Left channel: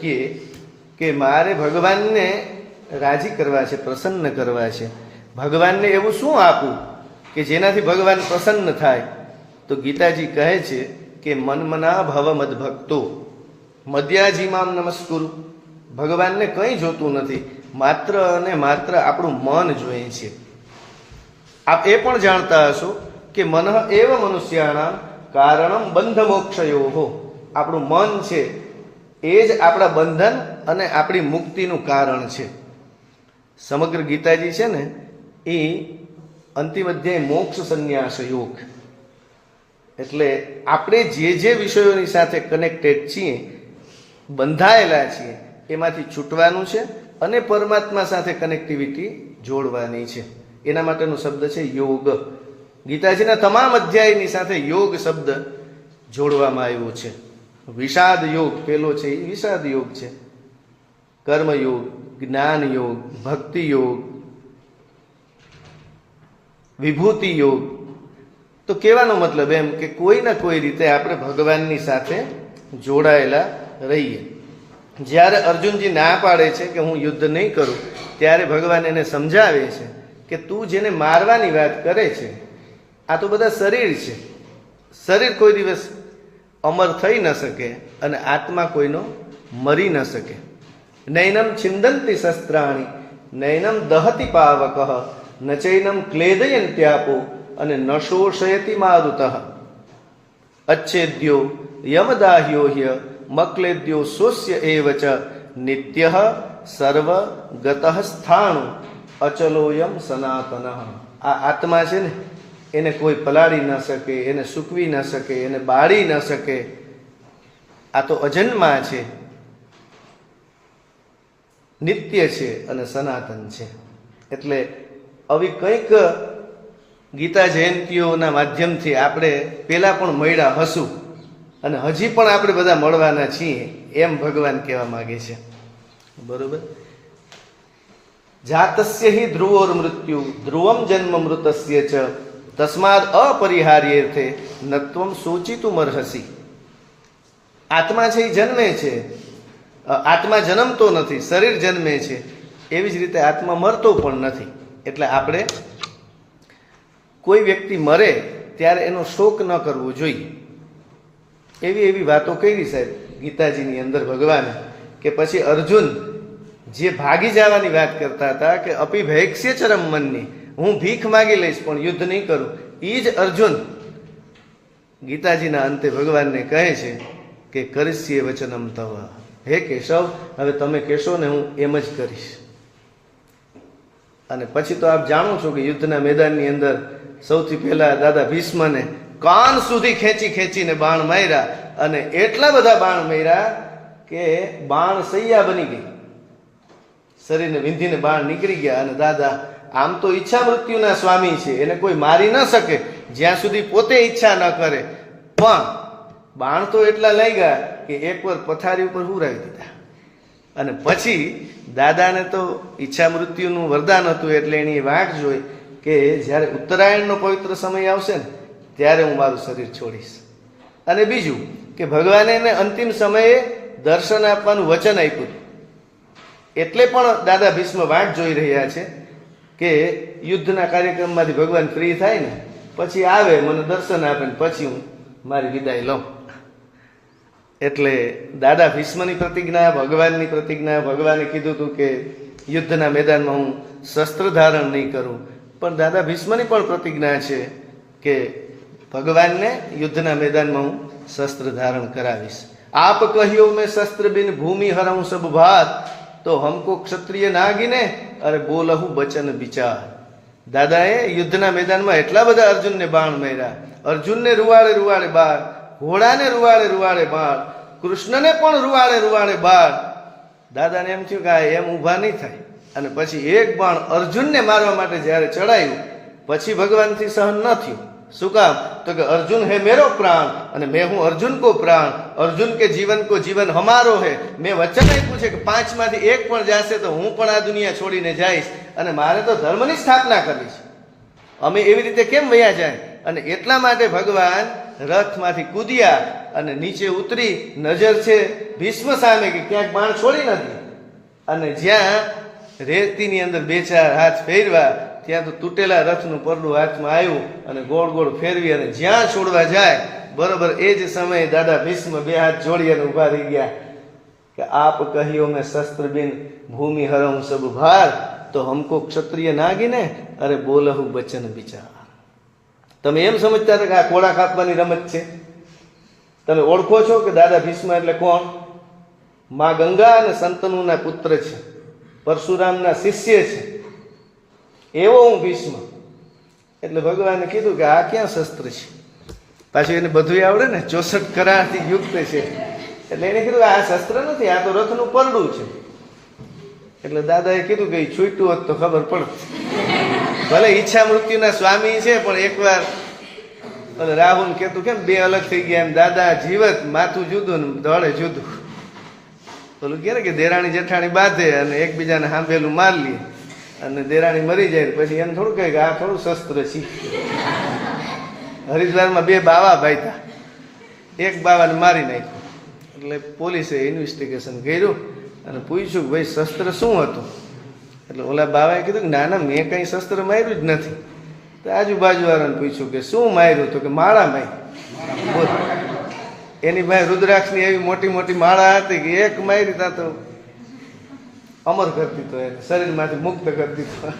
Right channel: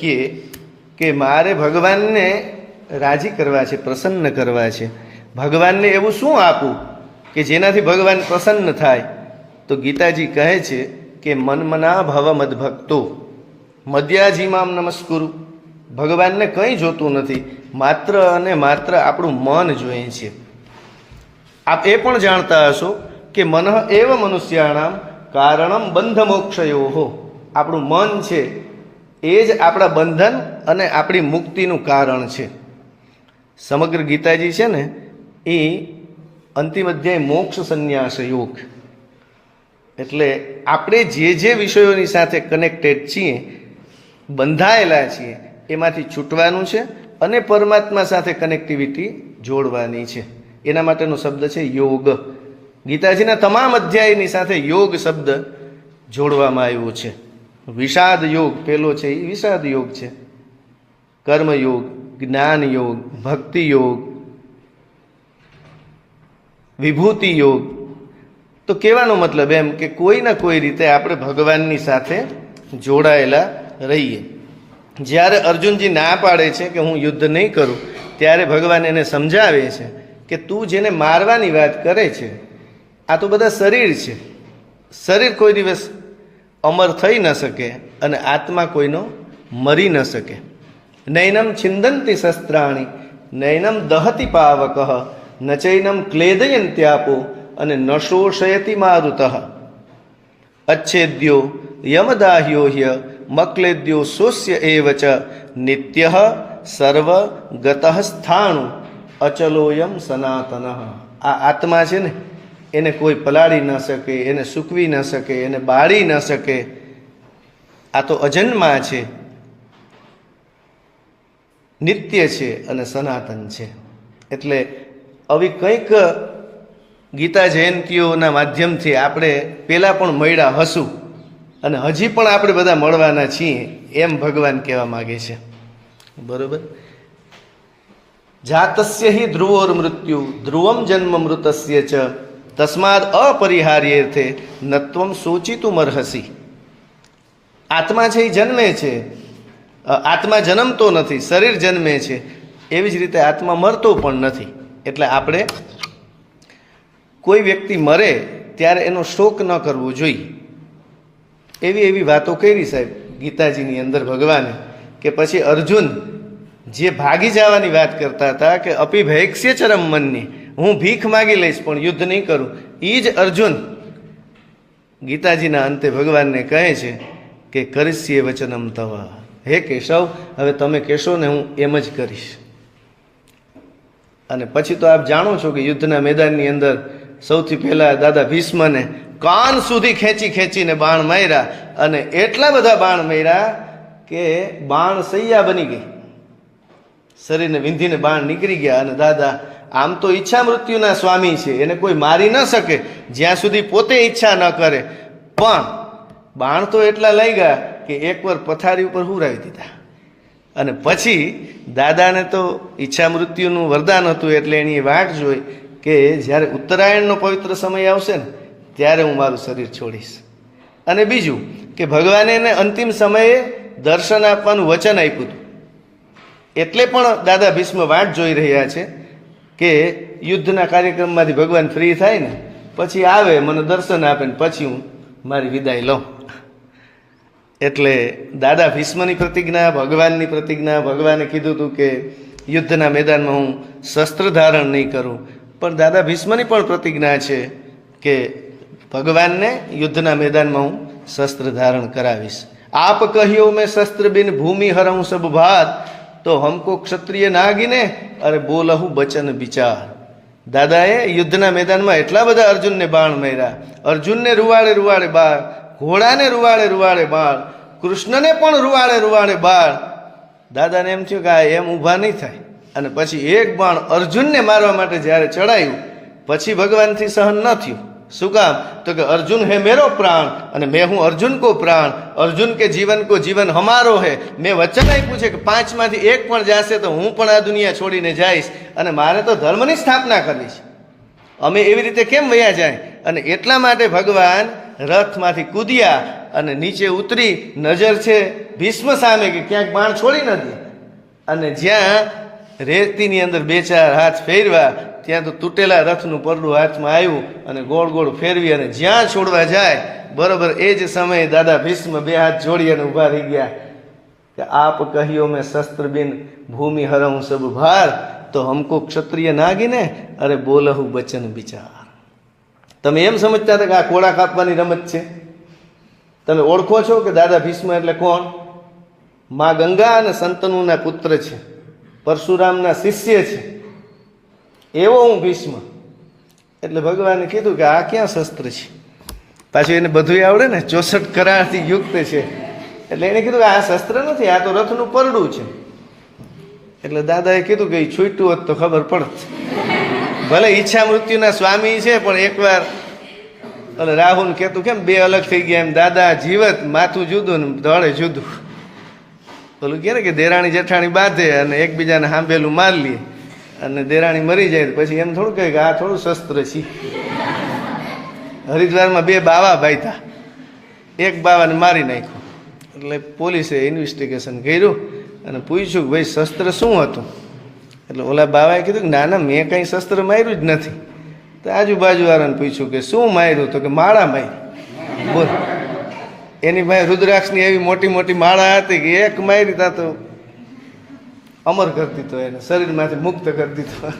કહે કે મારે ભગવાનને રાજી કરવા છે, પ્રસન્ન કરવા છે, ભગવાનને એવું શું આપું કે જેનાથી ભગવાન પ્રસન્ન થાય, તો ગીતાજી કહે છે કે મનમના ભવ મદભક્તો મદ્યાજીમામ નમસ્કુરુ. ભગવાનને કંઈ જોતું નથી, માત્ર અને માત્ર આપણું મન જોઈએ છે. આપ એ પણ જાણતા હશો કે મન એવ મનુષ્યાણામ કારણમ બંધ મોક્ષયો. આપણું મન છે એ જ આપણા બંધન અને આપણી મુક્તિનું કારણ છે. સમગ્ર ગીતાજી છે ને એ અંતિમ અધ્યાય મોક્ષ સંન્યાસ યોગ. એટલે આપણે જે વિષયોની સાથે કનેક્ટેડ છીએ, બંધાયેલા છીએ, એમાંથી છૂટવાનું છે અને પરમાત્મા સાથે કનેક્ટિવિટી જોડવાની છે. એના માટેનો શબ્દ છે યોગ. ગીતાજીના તમામ અધ્યાયની સાથે યોગ શબ્દ જોડવામાં આવ્યો છે. વિષાદ યોગ પેલો છે એ વિષાદ યોગ છે. કર્મયોગ, જ્ઞાન યોગ, ભક્તિ યોગ, વિભૂતિ યોગ. તો કહેવાનો મતલબ એમ કે કોઈના કોઈ રીતે આપણે ભગવાનની સાથે જોડાયેલા રહીએ. જ્યારે અર્જુનજી ના પાડે છે કે હું યુદ્ધ નહીં કરું, ત્યારે ભગવાન એને સમજાવે છે કે તું જેને મારવાની વાત કરે છે આ તો બધા શરીર છે. શરીર કોઈ દિવસ અમર થઈ ન શકે અને આત્મા કોઈનો મરી ન શકે. નૈનમ છિંદંતી શસ્ત્રાણી નૈનમ દહતી પાવક ન ચૈનમ ક્લેદયંત્યાપો અને ન શોષયતી મારુતઃ અચ્છેદ્યો યમદાહ્યો હ્ય મક્લેદ્યો સોસ્ય એવ ચ નિત્ય સર્વ ગતઃ સ્થાણુ અચલોયમ સનાતન. આ આત્મા છે ને એને કોઈ પલાળી ન શકે, એને સૂકવી ન શકે, એને બાળી ન શકે. આ તો અજન્મા છે, નિત્ય છે અને સનાતન છે. એટલે આવી કંઈક ગીતા જયંતીઓના માધ્યમથી આપણે પહેલાં પણ મળ્યા હશું અને હજી પણ આપણે બધા મળવાના છીએ એમ ભગવાન કહેવા માગે છે. બરોબર. જાતસ્ય હિ ધ્રુવોર મૃત્યુ ધ્રુવમ જન્મ મૃતસ્ય ચ તસ્માદ અપરિહાર્યેર્થે નત્વમ સોચિતું અર્હસી. આત્મા છે એ જન્મે છે, આત્મા જન્મતો નથી, શરીર જન્મે છે. એવી જ રીતે આત્મા મરતો પણ નથી. એટલે આપણે કોઈ વ્યક્તિ મરે ત્યારે એનો શોક ન કરવો જોઈએ. એવી વાતો કરી સાહેબ ગીતાજીની અંદર ભગવાને કે પછી અર્જુન જે ભાગી જવાની વાત કરતા હતા કે અપિભૈક્ષ્ય ચરમ મનની, હું ભીખ માગી લઈશ પણ યુદ્ધ નહીં કરું, એ જ અર્જુન ગીતાજીના અંતે ભગવાનને કહે છે કે કરીશ્યે વચનમ તવ. હે કેશવ, હવે તમે કહેશો ને હું એમ જ કરીશ. અને પછી તો આપ જાણો છો કે યુદ્ધના મેદાનની અંદર સૌથી પહેલા દાદા ભીષ્મને કાન સુધી ખેંચીને બાણ માર્યા અને એટલા બધા બાણ માર્યા કે બાણ સૈયા બની ગઈ, શરીરને વિંધીને બાણ નીકળી ગયા. અને દાદા આમ તો ઈચ્છા મૃત્યુના સ્વામી છે, એને કોઈ મારી ન શકે જ્યાં સુધી પોતે ઈચ્છા ન કરે, પણ બાણ તો એટલા લઈ ગયા કે એકવાર પથારી ઉપર હુરાવી દીધા. અને પછી દાદાને તો ઈચ્છા મૃત્યુનું વરદાન હતું એટલે એની વાટ જોઈ કે જ્યારે ઉત્તરાયણનો પવિત્ર સમય આવશે ને ત્યારે હું મારું શરીર છોડીશ. અને બીજું કે ભગવાને એને અંતિમ સમયે દર્શન આપવાનું વચન આપ્યું હતું. એટલે પણ દાદા ભીષ્મ વાટ જોઈ રહ્યા છે કે યુદ્ધના કાર્યક્રમમાંથી ભગવાન ફ્રી થાય ને પછી આવે, મને દર્શન આપે ને પછી હું મારી વિદાય લઉં. એટલે દાદા ભીષ્મની પ્રતિજ્ઞા, ભગવાનની પ્રતિજ્ઞા. ભગવાને કીધું હતું કે યુદ્ધના મેદાનમાં હું શસ્ત્ર ધારણ નહીં કરું, પણ દાદા ભીષ્મની પણ પ્રતિજ્ઞા છે કે ભગવાનને યુદ્ધના મેદાનમાં હું શસ્ત્ર ધારણ કરાવીશ. આપ કહ્યો મેં શસ્ત્ર બિન ભૂમિ હરઉં સબ ભાત તો હમકો ક્ષત્રિય નાગીને અરે બોલહું બચન વિચાર. દાદાએ યુદ્ધના મેદાનમાં એટલા બધા અર્જુનને બાણ માર્યા, અર્જુનને રૂવાડે બાણ, ઘોડાને રૂવાડે બાણ, કૃષ્ણને પણ રૂવાડે બાણ. દાદાને એમ થયું કે આ એમ ઊભા નહીં થાય. અને પછી એક બાણ અર્જુનને મારવા માટે જ્યારે ચડાયું પછી ભગવાનથી સહન ન થયું. શું કામ? તો કે અર્જુન હે મેરો પ્રાણ અને મેં હું અર્જુન કો પ્રાણ, અર્જુન કે જીવન કો જીવન હમારો હે. મેં વચન આપ્યું છે કે 5 માંથી 1 પણ જશે તો હું પણ આ દુનિયા છોડીને જઈશ અને મારે તો ધર્મની સ્થાપના કરવી છે. અમે એવી રીતે કેમ વયા જાય? અને એટલા માટે ભગવાન રથમાંથી કૂદ્યા અને નીચે ઉતરી નજર છે ભીષ્મ સામે કે ક્યાંક બાણ છોડી નથી, અને જ્યાં રેતીની અંદર બે ચાર હાથ ફેરવા ત્યાં તો તૂટેલા રથનું પરડું હાથમાં આવ્યું અને ગોળ ગોળ ફેરવી અને જ્યાં છોડવા જાય બરોબર એ જ સમયે દાદા ભીષ્મ બે હાથ જોડી અને ઊભા રહી ગયા કે આપ કહ્યો મેં શસ્ત્ર બિન ભૂમિ હરઉં સબ ભાર, તો હમકો ક્ષત્રિય નાગીને અરે બોલહુ બચન વિચાર. તમે એમ સમજતા હતા કે આ કોળા કાપવાની રમત છે? તમે ઓળખો છો કે દાદા ભીષ્મ એટલે કોણ? મા ગંગા અને સંતનુના પુત્ર છે, પરશુરામના શિષ્ય છે, એવો હું ભીષ્મ. એટલે ભગવાને કીધું કે આ ક્યાં શસ્ત્ર છે? પાછું એને બધું આવડે ને, 64 કરારથી યુક્ત છે. એટલે એને કીધું કે આ શસ્ત્ર નથી, આ તો રથનું પરડું છે. એટલે દાદાએ કીધું કે છૂટ્યું હોત તો ખબર પડત. ભલે ઈચ્છા મૃત્યુના સ્વામી છે, પણ એકવાર અને રાહુલ કહેતું કેમ બે અલગ થઈ ગયા એમ, દાદા જીવત માથું જુદું ને દળે જુદું. પેલું કહે ને કે દેરાણી જેઠાણી બાંધે અને એકબીજાને સાંભેલું મારી લે, અને દેરાણી મરી જાય પછી એમ થોડું કહે કે આ થોડું શસ્ત્ર છે. હરિદ્વારમાં બે બાવા ભાઈતા, એક બાવાને મારી નાખ્યો. એટલે પોલીસે ઇન્વેસ્ટિગેશન કર્યું અને પૂછ્યું કે ભાઈ શસ્ત્ર શું હતું? એટલે ઓલા બાવાએ કીધું કે ના ના મેં કંઈ શસ્ત્ર માર્યું જ નથી. તો આજુબાજુવાળાને પૂછ્યું કે શું માર્યું? તો કે માળા મારી. બોલ, એની પાસે રુદ્રાક્ષની એવી મોટી મોટી માળા હતી કે એક મારી તા તો અમર કરી દીધો, એને શરીરમાંથી મુક્ત કરી દીધો.